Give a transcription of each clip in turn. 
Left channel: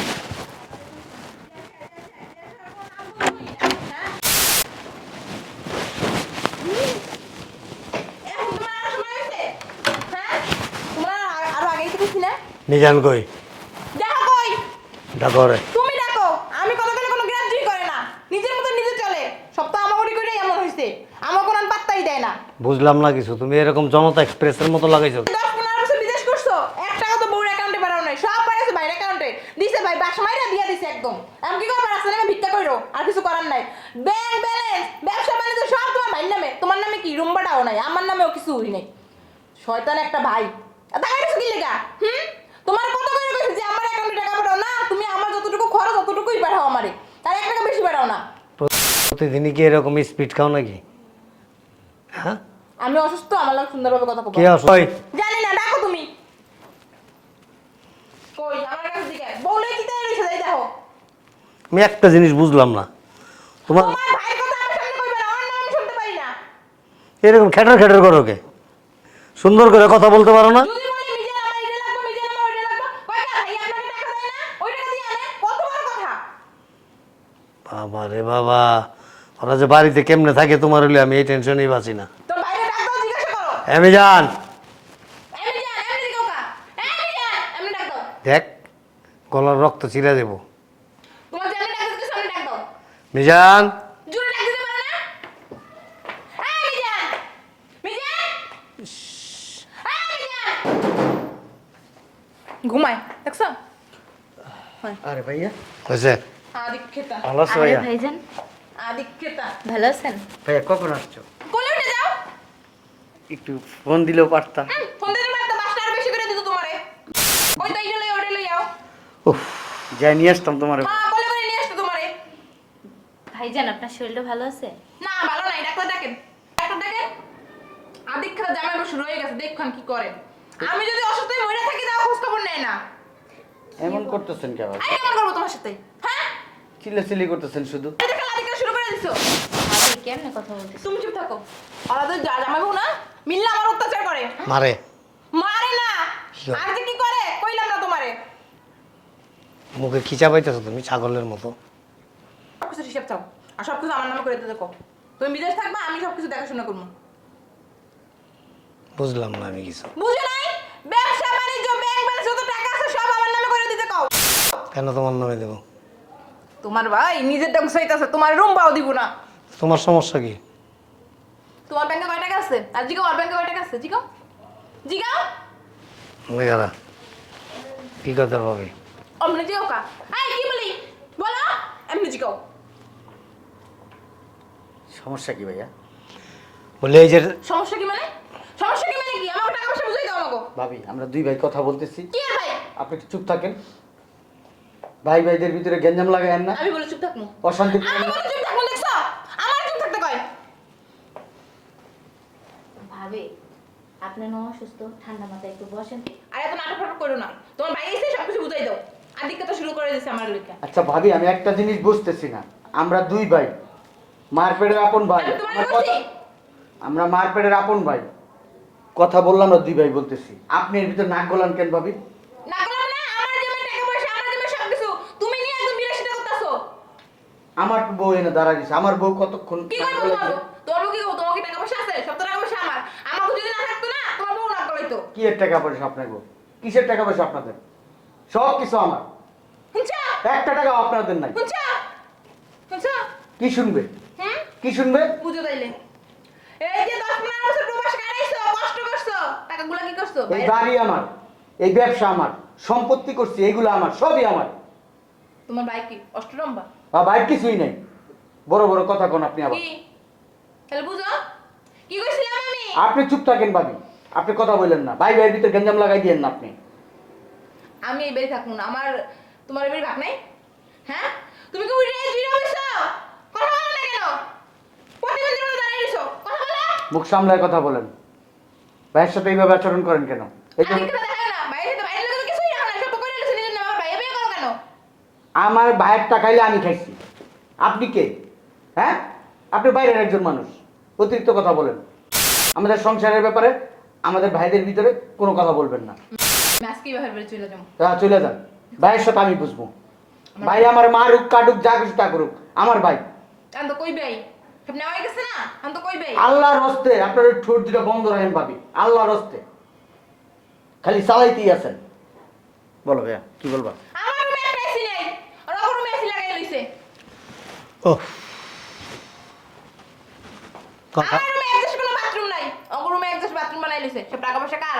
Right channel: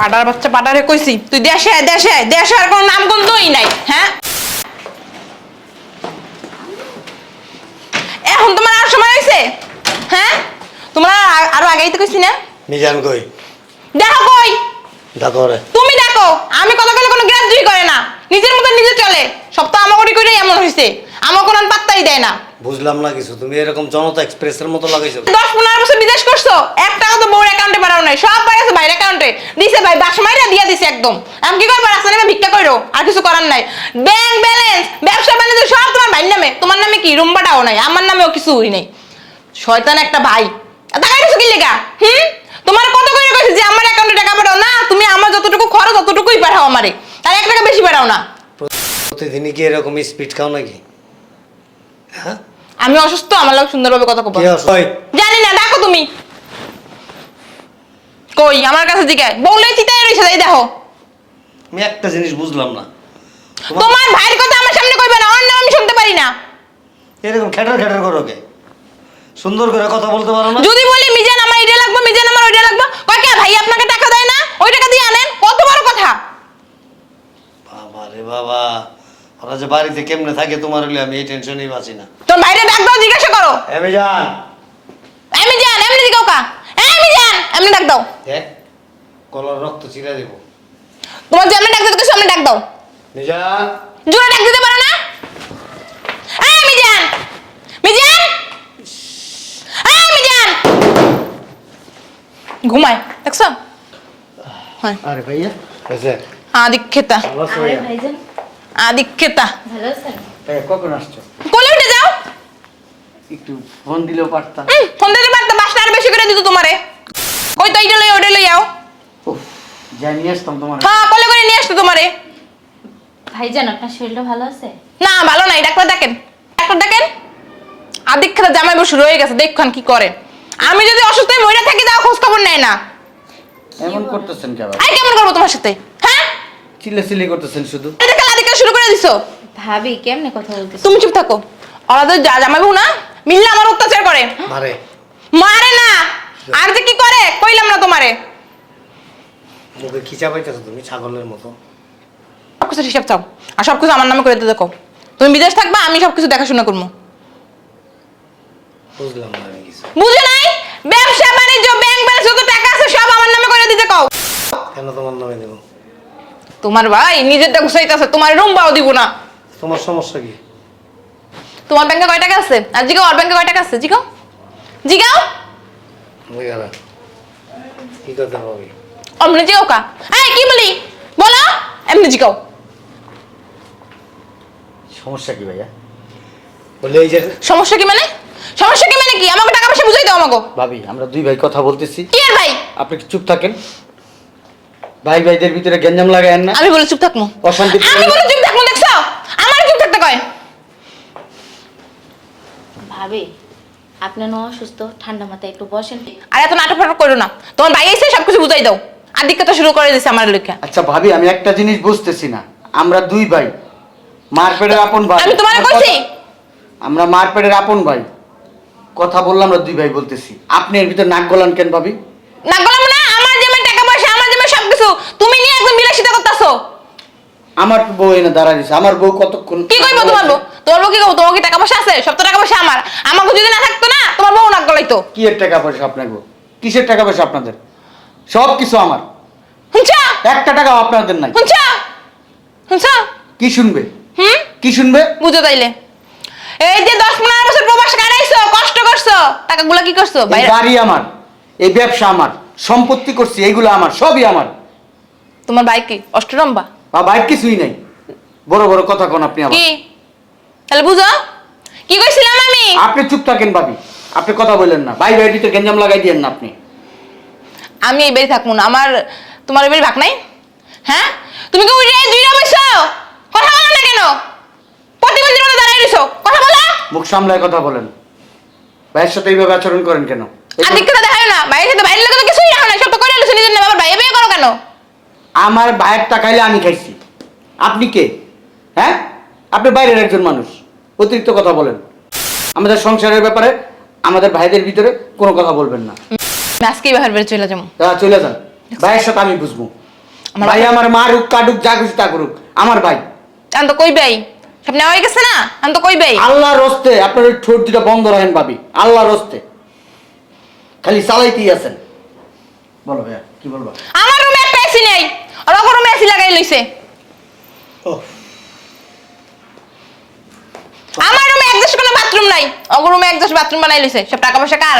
পাটার বাচ্চা পাটারে কইছি তুই দেশে আয়, দেশে আয়। দেশে আর কোনো নাম গন্ধই নাই হ্যাঁ? এখন তোমার আর সময় হয়েছে হ্যাঁ? তোমরা আর- আরও আগেই তো কইছি না? মিজান কই? দেখো কই? দেখো রে তুমি দেখো আমি কথা কলে কোনো গ্রাহ্যই করে না নিজের মতো নিজে চলে। সব তো আমাকে করে এমন হয়েছে আমার কোনো পাত্তাই দেয় না। বুঝলাম না কিছু। তুমি এরকম জনতা এক্সপ্রেসের মতো লাগাইছো। দশ পনেরো বছর বিদেশ করছ এক টাকা তো বউর অ্যাকাউন্টে পাঠাও নাই। সব পাঠাইছে বাইরের অ্যাকাউন্টে দিছে ভাই বাস মাইরা দিয়া দিছে একদম। আমি কি করব? রাস্তা নেমে ভিক্ষা করো আর কিছু করার নাই। ব্যাংক ব্যালেন্স ব্যবসা বাণিজ্য সব তোমার ভাইয়ের নামে। তোমার নামে কি? রুম্বাটাও নাই। আমার নামেও কিছু হই নাই। শয়তান একটা ভাই। টাকা কিছু কি লেগা? হুম? তোমার কত করে কইছে যে আমার অ্যাকাউন্টে টাকা পাঠাও? না তুমি আমার যতটুকু খরচ ততটুকুই পাঠাও আমারে। তার এক টাকা বেশি পাঠাও না। প্রতিদিনই কি এরকম স্পিড খাও নাকি? হ্যাঁ? আমি অসুস্থ আমার লোক সুন্দরভাবে কথা কব জানি না ডাকো তুমি। কই আমার কাছে জিজ্ঞাসা বললে চিতায় রয়েছে এই দেখো। আমি একটা জিনিস বুঝলাম না। তোমার তোমার ভাইয়ের কথা আমার সামনে কইবে না অন্য আমি শুনতে পারি না। এরকম খেটার খেটার করো কে? সুন্দর করে কথা বলতে পারো না। যদি বলি মিজান আমার এটা লাগবে মিজান আমার ওইটা লাগবে কয় কে ভাই আপনাকে টাকা দেয় না? ওই টাকা দিয়ে আনেন কত বড় কথা। বাবা রে বাবা। ওরা যে বাড়িতে কেমনে থাকে তোমার হলে আমি এই টেনশনই বাঁচি না। তোর ভাইরে ডাক দাও জিজ্ঞাসা করো। আমি জান আমি জান এমনি জিগাও কা হ্যাঁ আমি জান এমনি ডাক দাও। দেখ গলার রক্ত চিরা দেবো। তোমার যে এমনি ডাক দিতে কইছো, ডাক দাও। মিজান জোরে ডাক দিতে পারো না? এই মিজান মিজান এই মিজান ঘুমায় দেখছ? হয়। আরে ভাইয়া। আচ্ছা। আদিক্ষেতা। ভালো আছো আরে ভাইয়া ভাইজান। আদিক্ষেতা। ভালো আছেন? ভাইয়া কখন আসছো? কোলে উঠে যাও। একটু ফোন দিলেও পারতাম। ফোন দিতে পারতো বাসটা আর বেশি করে দিত তোমারে। কই তো এইটা লই ওটা লই যাও উফ যাই নিয়ে আসতাম তোমার। হ্যাঁ কোলে করে নিয়ে আসতো তোমারে। ভাইজান আপনার শরীরটা ভালো আছে? না ভালো নাই ডাক্তার ডাকেন ডাক্তার ডাকেন আদিক্ষেতা জামাই বসে রয়ে গেছে দেখুন কি করে। আমি যদি অসুস্থ হয়ে মরে থাকি তাও খোঁজ খবর নেয় না। এমন করতেছেন কেন? আই কেমন করব তোমার সাথে? হ্যাঁ? চিল্লা চিল্লি করতেছেন শুধু। এটা খেলা আদিক্ষেতা শুরু করে দিছো? ভাবি কেমনে কথা বলতেছ? তুমি চুপ থাকো। ওরা তো যা জামাই বউ না মিললে আমার অত্যাচার করে। মারে। মারে না। আর যে কি করে কইলাম না তোমারে। মুখে খিচা পাইতেছো তুমি ছাগলের মতো। সব কিছু হিসাব চাও। আর সব কিছু আমার নামে করে দিতে দেখো। তুমি বিদেশ থাকবা আমি সবকিছু দেখাশোনা করব। বুঝলাম না আমি কিছু। বুঝো নাই? ব্যবসা বাণিজ্য ব্যাংক ব্যালেন্স যত টাকা আছে সব আমার নামে করে দিতে কও। কেন তোমার নামে দেবো? তোমার ভাই নিজেরটা গুছাইতেছে তোমার রুম বাও দিব না। তোমার সমস্যা কি? তোমার ব্যাংকে কয় টাকা আছে? আর জিগাও ওর ব্যাংকে কয় টাকা আছে? জিগাও। জিগাও। আমি গারা কি করতে পারবি অমনে জিগাও কা। এই কি বলি? বলো। এমনি জিগাও। সমস্যা কি ভাইয়া? বলে এই যে সমস্যা কি মানে? সমস্যা কি মানে কি? আমাকে টাকা পয়সা বুঝাই দাও আমাকে ভাবি আমরা দুই ভাই কথা বলতেছি। কি আর ভাই? আপনি কি চুপ থাকেন? ভাই ভাইদের ভিতরে গেঞ্জাম লাগায়েন না। আমি বলে চুপ থাকব। অশান্তি আমি বলে চুপ থাকব দেখছ? আমার চুপ থাকতে কয়। ভাবি আপনি ন অসুস্থ ঠান্ডা মাথায় একটু বসেন। আর এত নাটক ফাটক করো না। তোমার ভাই এসে সবকিছু বুঝাই দাও। আর দিকটা শুরু করে দিছে আমার লেখা আচ্ছা ভাবি আমি একটা জিনিস বুঝতেছি না। আমরা দুই ভাই। মারপেটের আপন ভাই। আমি তোমারে কইছি। আমরা মারপেটের আপন ভাই। কথা বললাম না দুই ভাই বলতেছি। আপনি এর ভিতরে নাক গলান কেন ভাবি? নাক গলাম না আমার যেমন টাকা আমার যেমন সবকিছু। তুমি নিয়ে একদম বিলাসিতা করতেছো। আমার বউ এনে দাঁড়া দিছে আমার বউ কতক্ষণ কি কইবো তোমার বউ? তোমার বউ কি কইবো? তোমার কি টাকা পয়সা আছে? সব তো টাকা পয়সা আমার। আমাকে যদি না থাকতো না তোমার বউ নাক গলাইতো। কি এর টাকা পয়সা আপনার বউ? কিসের টাকা পয়সা আপনাদের? সব কিছু আমার। হুঁচা একটা টাকাও আপনাদের নাই। হুঁচা হুঁচা কি শুনবে? হুম? কি শুনবে? বুঝো তাইলে। এই যে দশ পনেরো বছর প্রবাস কাটাইছো কষ্ট করছ টাকাগুলো কি করছ? গাড়ি আমার। এই ব্যবসা আমার সম্পত্তি করছি এইগুলো আমার সবই আমার। তোমার বাইক কি? অষ্টরম্বা? বা বাইক কিছুই নাই। বড় বড় কথা কোন আপনি আবার। কি? তাহলে বুঝো। কি কইছিলাম আমি? আপনি চুপ থাকেন ভাবি। আপনি কথা বলেন না। ভাই ভাই ভিতরে গেঞ্জাম লাগাই দিয়েন না আপনি। আমি এই বাড়ি থাকব না। আমার তোমার এই বাড়ি ভাগ নাই? হ্যাঁ? তুমি কি উড়ে জুইরা বসো? কথা বলো না কেন? প্রতিবন্ধীর মতো দাঁড়াই রইছো। কথা বলো। মুখ সামলায় কথা বলেন। ভাইয়ের সাথে এইভাবে আচরণ করেন কেন? আর দিকটা দেখায় না বাইরে সাথে বাইরের লোকে তো কিছুই রাখো না সব তো করে নিজের বাইরে বিয়ে করো কেন? আমার ভাইয়ের টাকাইলে আমি খাইছি। আপনি কে? হ্যাঁ? আপনি বাইরের একজন মানুষ অতিরিক্ত কথা বলেন। আমাদের সংসারের ব্যাপারে আমাদের ভাইদের ভিতরে কোনো কথা বলবেন না। আজকেই বাহার বেড়ে চলে যাব। তা চলে যান। ভাইয়ের সাথে আমি বুঝব। আমার ভাই আমার মারুক কাটুক যা কিছু তা করুক। আমার ভাই। আমি তো কইবেই সব নেওয়া হয়ে গেছে না? আমি তো কইবেই আল্লাহর রস্তে আপনার ওই ঠোঁট দুটা বন্ধ রাখেন ভাবি। আল্লাহর রস্তে। খালি চালাইতেই আছেন। বলো ভাইয়া কি বলবা? আমার রুমে একটা এসি নেই আর ওর রুমে এসি লাগাই লইছে। ও আমার রুমে একদশ কোনো বাথরুম নাই ওর রুমে একদশ বাথরুম বানাই লইছে সব টাকা পয়সা কার?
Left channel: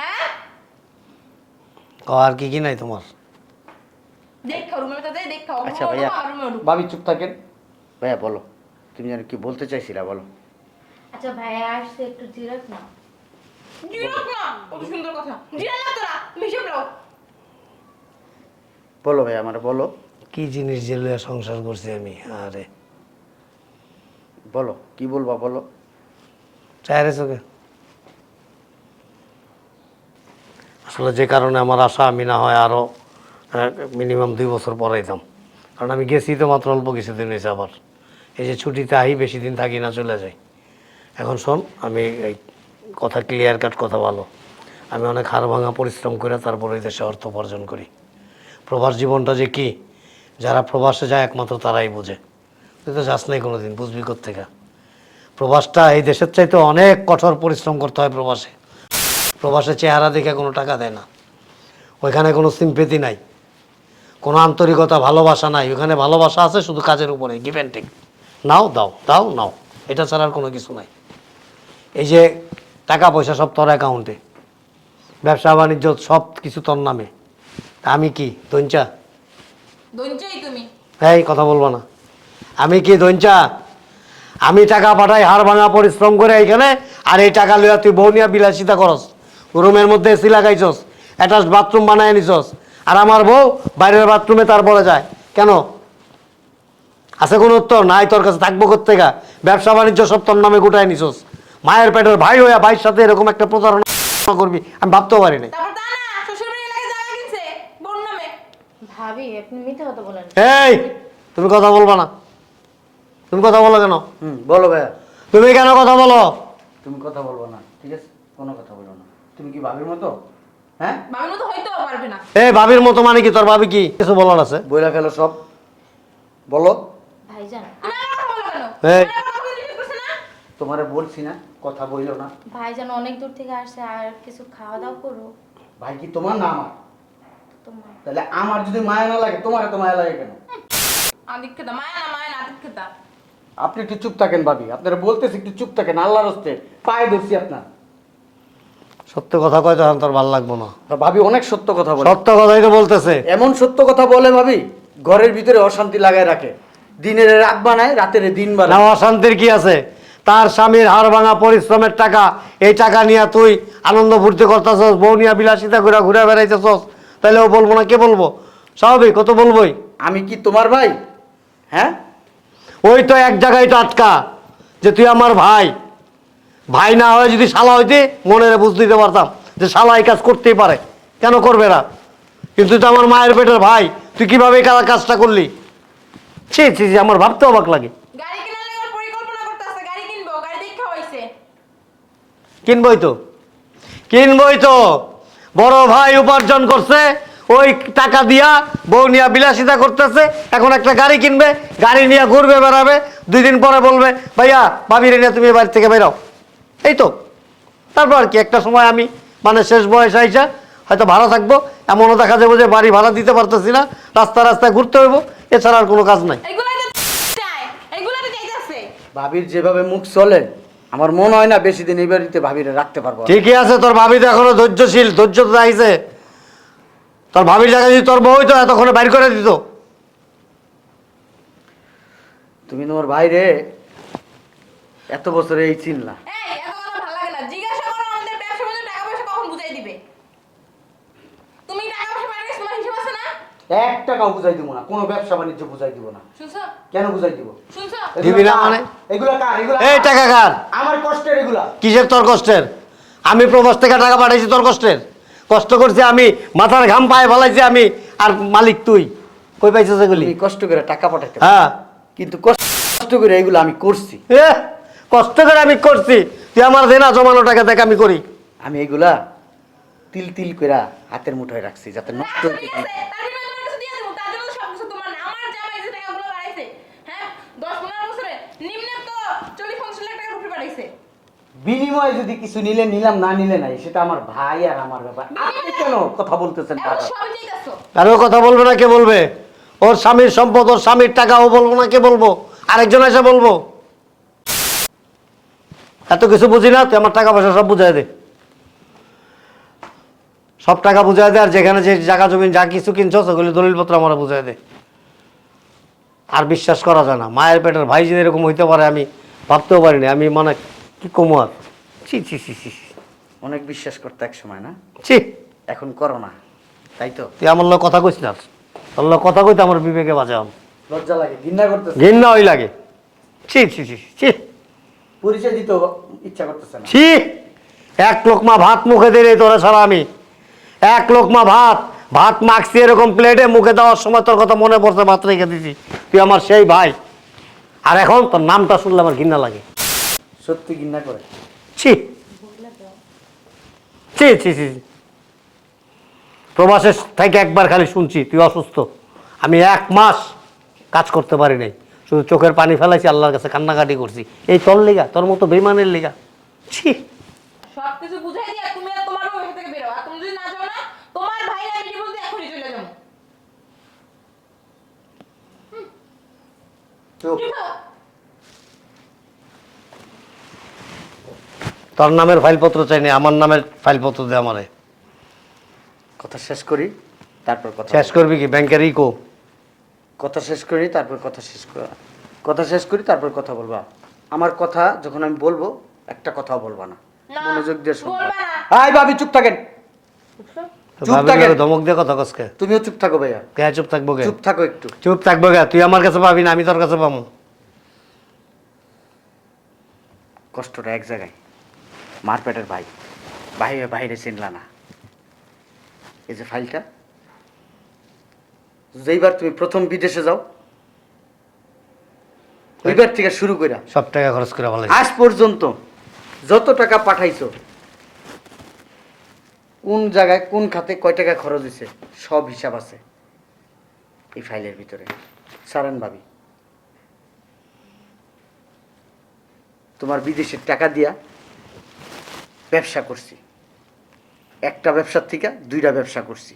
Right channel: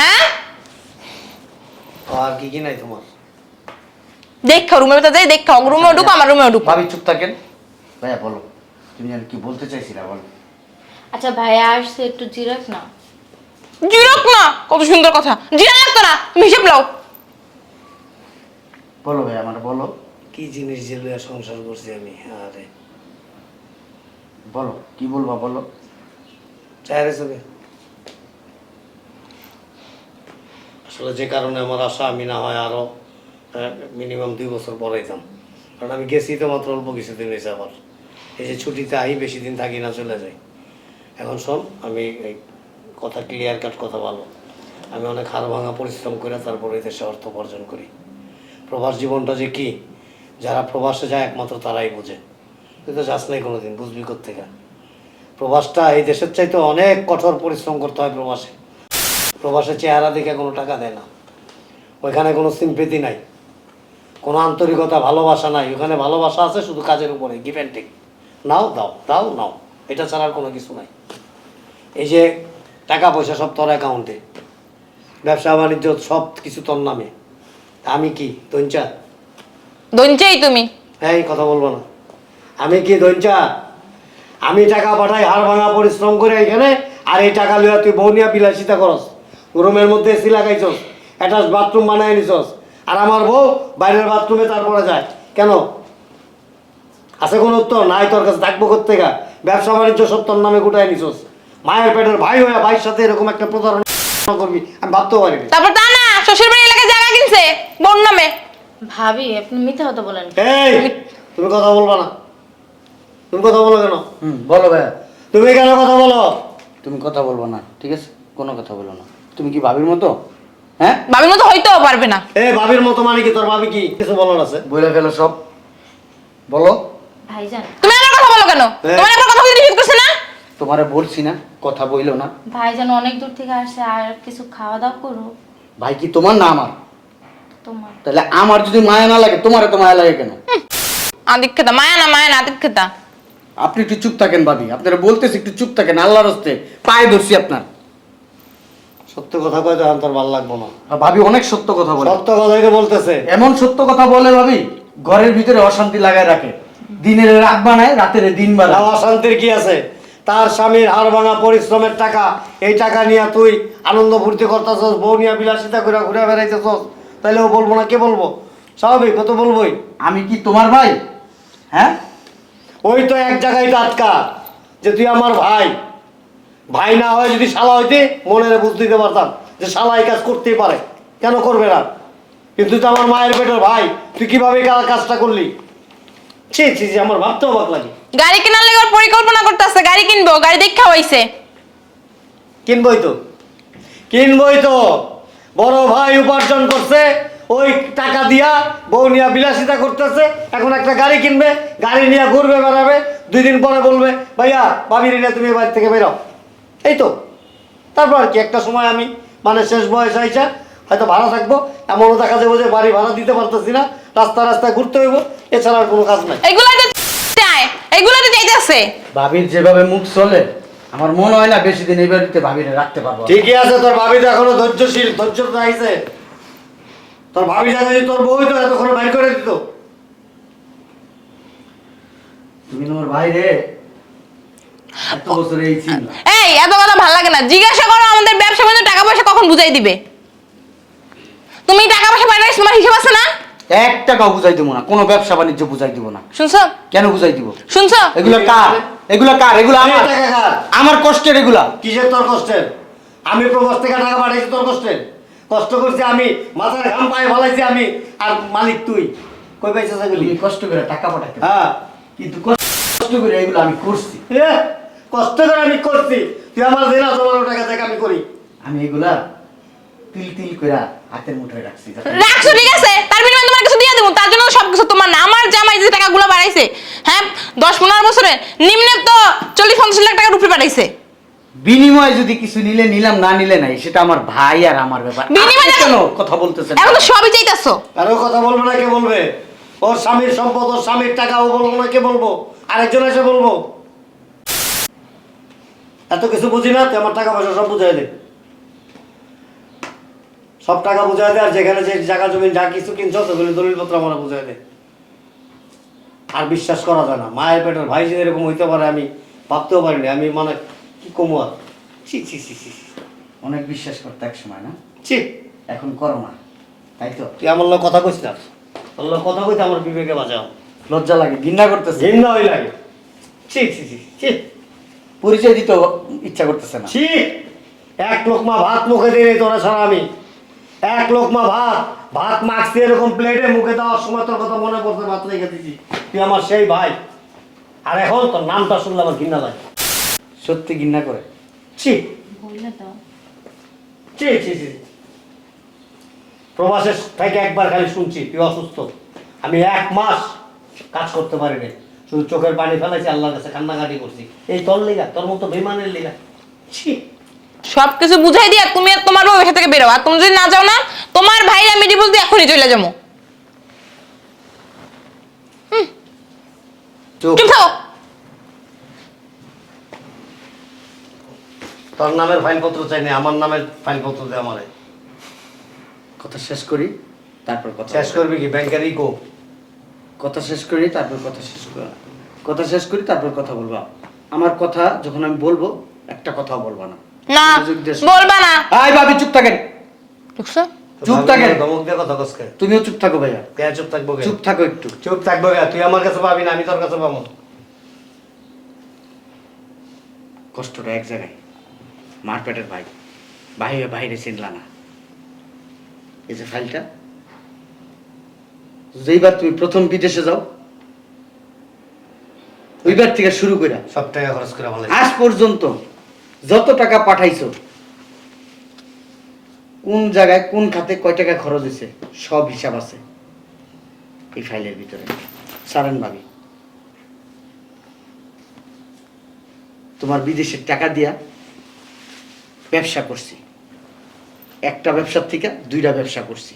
হ্যাঁ? আর কি কি নাই তোমার? দেখো রুমের ভিতরে যাই দেখো ওর রুমেও ঢুকো আমার রুমেও ঢুকো। ভাবি চুপ থাকেন। ভাইয়া বলো। তুমি আর কি বলতে চাইছিলা বলো। আচ্ছা ভাইয়া আসছে একটু জিরাক না না, কত সুন্দর কথা। জিরা লাগতো না, তুমি লাও বলো ভাইয়া আমার, বলো। কি জিনিস লইয়া সংসার করছি আমি? আরে। বলো, কি বলবা বলো? আসলে যে কারণে আমার আশা আমি না হয় আরও মিনিমাম দুই বছর পরাইতাম কারণ আমি গেছি তো মাত্র অল্প কিছুদিন হয়েছে আবার। এই যে ছুটিতে আহি বেশি দিন থাকি না, চলে যাই। এখন শোন, আমি কথা ক্লিয়ার কাট কথা ভালো। আমি অনেক হাড় ভাঙা পরিশ্রম করে তারপরে দেশে অর্থ উপার্জন করি। প্রবাস জীবনটা যে কি? যারা প্রবাসে যায় একমাত্র তারাই বোঝে। তুই তো যাস নাই কোনোদিন, বুঝবি কোথেকে প্রবাসটা এই দেশের চাইতে অনেক কঠোর পরিশ্রম করতে হয় প্রবাসে। প্রবাসে চেহারা দেখে কোনো টাকা দেয় না। ওইখানে কোনো সিম্পেতি নাই। কোনো আন্তরিকতা, ভালোবাসা নাই। ওখানে ভালোবাসা আছে শুধু কাজের উপরে গিভ অ্যান্ড টেক নাও, দাও দাও, নাও। এটা ছাড়া আর কোনো কিছু নাই। এই যে টাকা পয়সা সব তোর অ্যাকাউন্টে ব্যবসা বাণিজ্য সব কিছু তোর নামে। আমি কি দঞ্চা দঞ্চেই তুমি। এই কথা বলব না। আমি কি দঞ্চা আমি টাকা পাঠাই হাড় ভাঙা পরিশ্রম করে এখানে আর এই টাকা লইয়া তুই বউ নিয়ে বিলাসিতা করস। রুমের মধ্যে এসি লাগাইছস অ্যাটাচ বাথরুম বানাই নিছস আর আমার বউ বাইরের বাথরুমে তার তারপরে যায়। কেন? আছে কোনো উত্তর? নাই তোর কাছে থাকব কোথেকা ব্যবসা বাণিজ্য সব তোর নামে গোটায় নিছস। মায়ের পেটের ভাই হইয়া ভাইয়ের সাথে এরকম একটা প্রতারণা করবি আমি ভাবতেও পারি না তারপর তা না শ্বশুর বাড়ি এলাকায় জায়গা কিনছে বোন নামে। ভাবি আপনি মিথ্যা কথা বলেন। এই তুমি কথা বলবা না। তুমি কথা বলো কেন? বলো ভাইয়া। তুমি কেন কথা বলো? তুমি কথা বলব না ঠিক আছে? কোনো কথা বলো না। তুমি কি ভাবির মতো? হ্যাঁ? ভাবির মতো হইতেও পারবে না। এই ভাবির মতো মানে কি? তোর ভাবি কি? কিছু বলার আছে? বইলা ফেলো সব। বলো। ভাইজান। তুমি আমার কথা বলো কেন। তোমার একবার কথা বলতে নিষেধ করছে না? তোমারে বলছি না কথা বইলো না। ভাইজান অনেক দূর থেকে আসছে আর কিছু খাওয়া দাওয়া করো ভাই কি তোমার না আমার? তোমার। তাহলে আমার যদি মায়া না লাগে তোমার তো মায়া লাগে কেন? আদিক্ষেতা মায়া না মায়া না আদিক্ষেতা। আপনি একটু চুপ থাকেন ভাবি আপনারা বলতেছি একটু চুপ থাকেন আল্লাহর হস্তে পায়ে ধরছি আপনার। সত্য কথা কয় তখন তোর ভালো লাগবো না। ভাবি অনেক সত্য কথা বলে। সত্য কথাই তো বলতেছে। এমন সত্য কথা বলে ভাবি ঘরের ভিতরে অশান্তি লাগায় রাখে। দিনের রাত বানায় রাতের দিন বানায়। অশান্তির কি আছে? তার স্বামীর হাড় ভাঙা পরিশ্রমের টাকা এই টাকা নিয়ে তুই আনন্দ ফুর্তি করতেছস বউ নিয়ে বিলাসিতা করে ঘুরে বেড়াইতেছস। তাহলে ও বলব না কে বলব? স্বাভাবিক কত বলবোই? আমি কি তোমার ভাই? হ্যাঁ? ওই তো এক জায়গায় তো আটকা যে তুই আমার ভাই। ভাই না হয়ে যদি শালা হইতে মনে বুঝ দিতে পারতাম যে শালা এই কাজ করতেই পারে। কেন করবে না? কিন্তু তো আমার মায়ের পেটের ভাই তুই কীভাবে কাজটা করলি? ছি ছি ছি, আমার ভাবতে অবাক লাগে। গাড়ি কেনার লেগে ওর পরিকল্পনা করতেছে গাড়ি কিনবো গাড়ি দেখা হইছে কিনবই তো। কিনবই তো। বড় ভাই উপার্জন করছে ওই টাকা দিয়া বউ নিয়ে বিলাসিতা করতেছে এখন একটা গাড়ি কিনবে গাড়ি নিয়ে ঘুরবে বেড়াবে দুই দিন পরে বলবে ভাইয়া ভাবির নিয়ে তুমি বাড়ি থেকে বেরো। এই তো। তারপর আর কি একটা সময় আমি মানে শেষ বয়স আইসা হয়তো ভাড়া থাকব এমনও দেখা যাবে যে বাড়ি ভাড়া দিতে পারতেছি না রাস্তা রাস্তায় ঘুরতে হইব এছাড়া আর কোনো কাজ নাই। এগুলাই তো চাইতেছে ভাবির যেভাবে মুখ চলে আমার মনে হয় না বেশি দিন এই বাড়িতে ভাবিরে রাখতে পারব ঠিকই আছে তোর ভাবি তো এখনও ধৈর্যশীল ধৈর্য তো আইছে। তোর ভাবির জায়গায় যদি তোর বউই তো এতক্ষণে বাইর করে দিত। তুমি তোমার ভাই রে এত বছরে এই চিনলা। এই এত কথা ভালো লাগে না। জিজ্ঞাসা করো আমাদের ব্যবসা বাণিজ্য টাকা পয়সা কখন বুঝাই দিবে? তুমি টাকা পয়সা পাঠাইছো তোমার হিসাব আছে না? এক টাকাও বুঝাই দিব না কোনো ব্যবসা বাণিজ্য বুঝাই দিব না। শুনছো? কেন বুঝাই দিব? শুনছো? এগুলো কার? মানে? এগুলো কার? এগুলো এই টাকা কার? আমার কষ্টের এগুলা। কিসের তোর কষ্টের? আমি প্রবাস থেকে টাকা পাঠাইছি তোর কষ্টের। কষ্ট করছি আমি মাথার ঘাম পায়ে ফেলাইছি আমি। আর মালিক তুই? কই পাইছিস এগুলি? কষ্ট করে টাকা পারো। হ্যাঁ। কিন্তু কষ্ট করে এগুলো আমি করছি। কষ্ট করে আমি করছি। তুই আমার দেনা জমানো টাকা থেকে আমি করি। আমি এগুলা তিল তিল করে হাতের মুঠোয় রাখছি রাখছো ঠিক আছে? তার বিনিময়ে তোমার কিছু দিয়ে দেবো। তার জন্য সব কিছু তোমার না। আমার জামাই যে টাকাগুলো বাড়াইছে হ্যাঁ দশ পনেরো বছরে নিম্নে তো চল্লিশ পঞ্চাশ লাখ টাকার উপরে বাড়াইছে। বিনিময়ে যদি কিছু নিলে নিলাম না নিলে নাই সেটা আমার ভাই আর আমার ব্যাপার। বিনিময়ে কেন কথা বলতেছেন এখন তো সবই চাইতেছো। আর ও কথা বলবে না কে বলবে? ওর স্বামীর সম্পদ ওর স্বামীর টাকা ও বলব না কে বলব? আরেকজন এসে বলব। এত কিছু বুঝি না তুই আমার টাকা পয়সা সব বুঝাই দে। সব টাকা বুঝাই দে আর যেখানে যে জায়গা জমিন যা কিছু কিনছো সেগুলি দলিলপত্র আমার বুঝাই দে। আর বিশ্বাস করা যায় না। মায়ের পেটের ভাই যে এরকম হইতে পারে আমি ভাবতেও পারিনি আমি মানে কি কমু আর? ছি ছি ছি ছি অনেক বিশ্বাস করতে এক সময় না? ছি। এখন করো না। তাই তো? তুই আমার লোক কথা কইস না? তোর কথা কইতে আমার বিবেকে বাজাও লজ্জা লাগে ঘৃণা করতেছে। ঘৃণা ওই লাগে। ছি ছি ছি ছি পরিচয় দিতে ইচ্ছা করতেছে না। ছি। এক লোকমা ভাত মুখে দিয়ে তোরা ছাড়া আমি এক লোকমা ভাত ভাত মাখছি এরকম প্লেটে মুখে দেওয়ার সময় তোর কথা মনে পড়তে ভাত রেখে দিছি। তুই আমার সেই ভাই। আর এখন তোর নামটা শুনলে আমার ঘৃণা লাগে। সত্যি ঘৃণা করে? ছি। ছি ছি ছি প্রবাসের থেকে একবার খালি শুনছি তুই অসুস্থ। আমি এক মাস কাজ করতে পারি নাই। শুধু চোখের পানি ফেলাইছি আল্লাহর কাছে কান্নাকাটি করছি। এই তোর লিগা তোর মতো বেমানের লিগা। ছি। সব কিছু বুঝাই দিয়া তুমি আর তোমার বউ এখান থেকে বেরো। আর তুমি যদি না যাও না তোমার ভাই আমি ডিভোর্স দিয়ে এখনই চলে যাব। চুপ। চুপ থাকো। তোর নামের ফাইলপত্র চাইনি আমার নামের ফাইলপত্র দে আমারে। কথা শেষ করি তারপর কথা শেষ করবি কি? ব্যাংকের ইকো। কথা শেষ করি তারপর কথা শেষ করি। কথা শেষ করি তারপর কথা বলবা। আমার কথা যখন আমি বলব একটা কথাও বলবা না। না। বলবা না। আয় ভাবি চুপ থাকেন। দেখছ চুপ থাকেন। ধমক দিয়ে কথা কসকে তুমিও চুপ থাকো ভাইয়া। কে চুপ থাকব কে? চুপ থাকো একটু। চুপ থাকব কে? তুই আমার কাছে পাবি না আমি তোর কাছে পাবো। কষ্টটা এক জায়গায়। মার পেটের ভাই। বাইরে বাইরে চিনলা না। এই যে ফাইলটা। যেইবার তুমি প্রথম বিদেশে যাও ওইবার থেকে শুরু করে সব টাকা খরচ করে ভালো আজ পর্যন্ত যত টাকা পাঠাইছো, কোন জায়গায়, কোন খাতে কয় টাকা খরচ হয়েছে সব হিসাব আছে এই ফাইলের ভিতরে। সারেন ভাবি। তোমার বিদেশের টাকা দিয়া ব্যবসা করছি। একটা ব্যবসার থেকে দুইটা ব্যবসা করছি।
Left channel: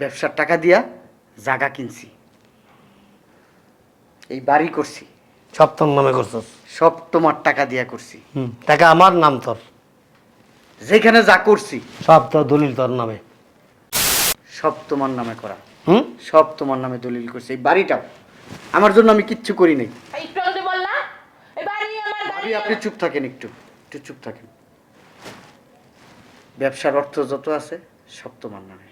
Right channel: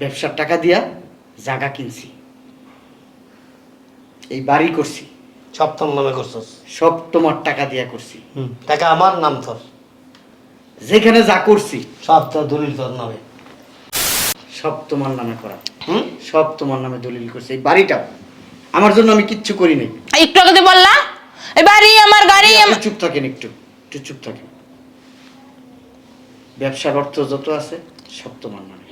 ব্যবসার টাকা দিয়া জায়গা কিনছি। এই বাড়ি করছি। সব তোর নামে করছস সব তোমার টাকা দিয়া করছি। টাকা আমার নাম তোর? যেখানে যা করছি। সব তোর দলিল তোর নামে। সব তোমার নামে করা। হুম? সব তোমার নামে দলিল করছি। এই বাড়িটাও আমার জন্য আমি কিচ্ছু করি নাই। একটু আগে বললা এই বাড়ি আমার গাড়ি আপনি চুপ থাকেন একটু একটু চুপ থাকেন। ব্যবসার অর্থ যত আছে সব তোমার নামে।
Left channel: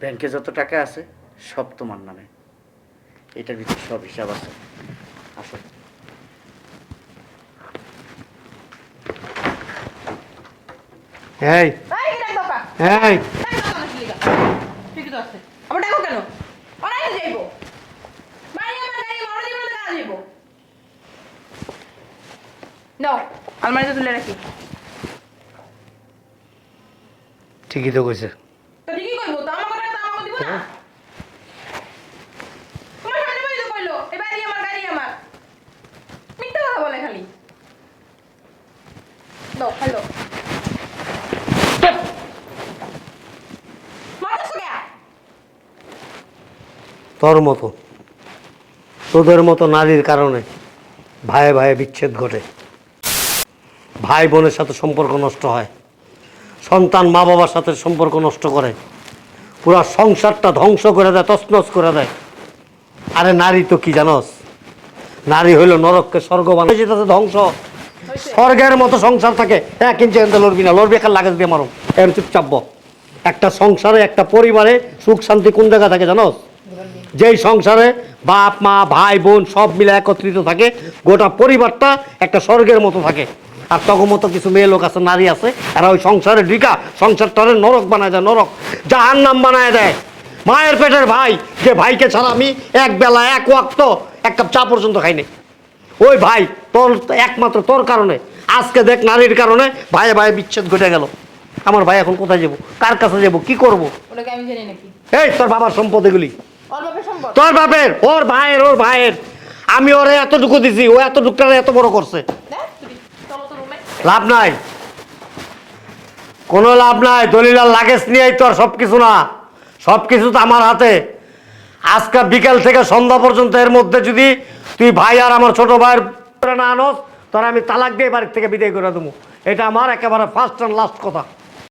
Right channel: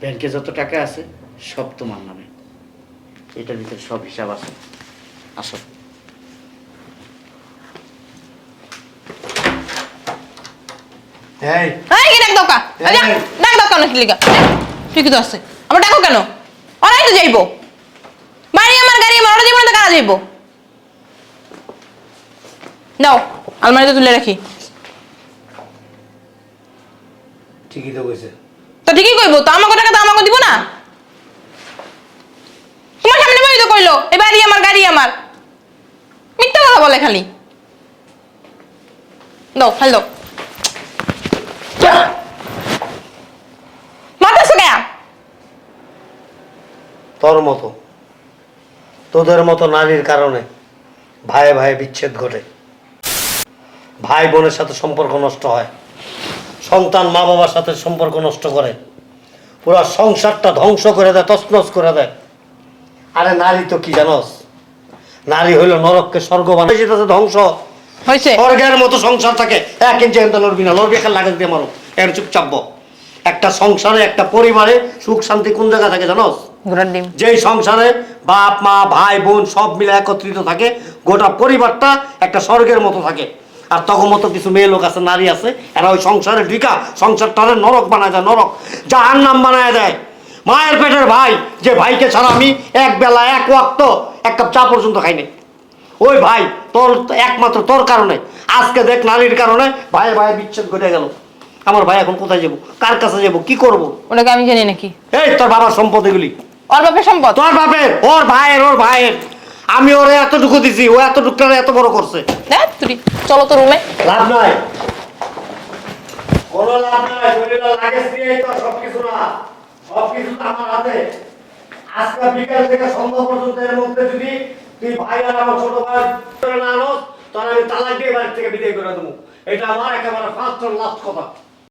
ব্যাংকে যত টাকা আছে সব তোমার নামে। এটা ভিতরে সব হিসাব আছে। আসো। এই। এই কি ডাক দাও কা। এই। ডাক দাও কেন কি লিগা। ঠিকই তো আছে আমার ডাকো কেন? ওরাই তো যাইবো। বাড়ি আমার গাড়ি আমার ওরা যাইবো না তো কারা যাইবো? দাও আলমারিতে তুলে রাখি। ঠিকই তো কইছে। তো ঠিকই কইবো তো আমাকে টাকা তো আমাকে দিব না? তোমার সামনে বই তো কইলো এই বাড়ি আমার গাড়ি আমার। মিথ্যা কথা বলে খালি। দাও, খালি তোর মতো। তোদের মতো নারীর কারণে ভাইয়ে ভাইয়ে বিচ্ছেদ ঘটে। ভাই বোনের সাথে সম্পর্ক নষ্ট হয়। সন্তান মা বাবার সাথে সম্পর্ক নষ্ট করে। পুরো সংসারটা ধ্বংস করে দেয়, তছনছ করে দেয়। আরে নারী তো কি জানোস? নারী হইল নরককে স্বর্গ বানায়। যেতেছে ধ্বংস। হয়েছে স্বর্গের মতো সংসার থাকে। এক ইঞ্চি এনতে লড়বি না লড়বি খাল লাগে দিয়ে মারো। এর চুপচাপ বক। একটা সংসারে একটা পরিবারে সুখ শান্তি কোন জায়গায় থাকে জানো যেই সংসারে বাপ মা ভাই বোন সব মিলে একত্রিত থাকে গোটা পরিবারটা একটা স্বর্গের মতো থাকে। আর তখন মতো কিছু মেয়ে লোক আছে নারী আছে আর ওই সংসারে ঢিকা সংসারটা নরক বানায় দেয় নরক। যাহার নাম বানায় দেয়। মায়ের পেটের ভাই যে ভাইকে ছাড়া আমি এক বেলা এক ওয়াক্ত এক কাপ চা পর্যন্ত খাইনি। ওই ভাই তোর একমাত্র তোর কারণে। আজকে দেখ নারীর কারণে ভাই ভাই বিচ্ছেদ ঘটে গেল। আমার ভাই এখন কোথায় যাব? কার কাছে যাব? কি করব? ওনাকে আমি জানি নাকি। এই তোর বাবার সম্পদ এগুলি। ওর বাপের সম্পদ? তোর বাপের? ওর ভাইয়ের ওর ভাইয়ের। আমি ওরে এতটুকু দিছি ও এতটুকুটা এত বড় করছে। তুই চলো তো রুমে লাভ নাই। কোনো লাভ নাই দলিল আর লাগেজ নিয়েই তো আর সব কিছু না। সব কিছু তো আমার হাতে। আজকে বিকাল থেকে সন্ধ্যা পর্যন্ত এর মধ্যে যদি তুই ভাই আর আমার ছোট ভাইয়ের না আনো তোর আমি তালাক দিয়ে বাড়ির থেকে বিদায় করে দেবো। এটা আমার একেবারে ফার্স্ট অ্যান্ড লাস্ট কথা।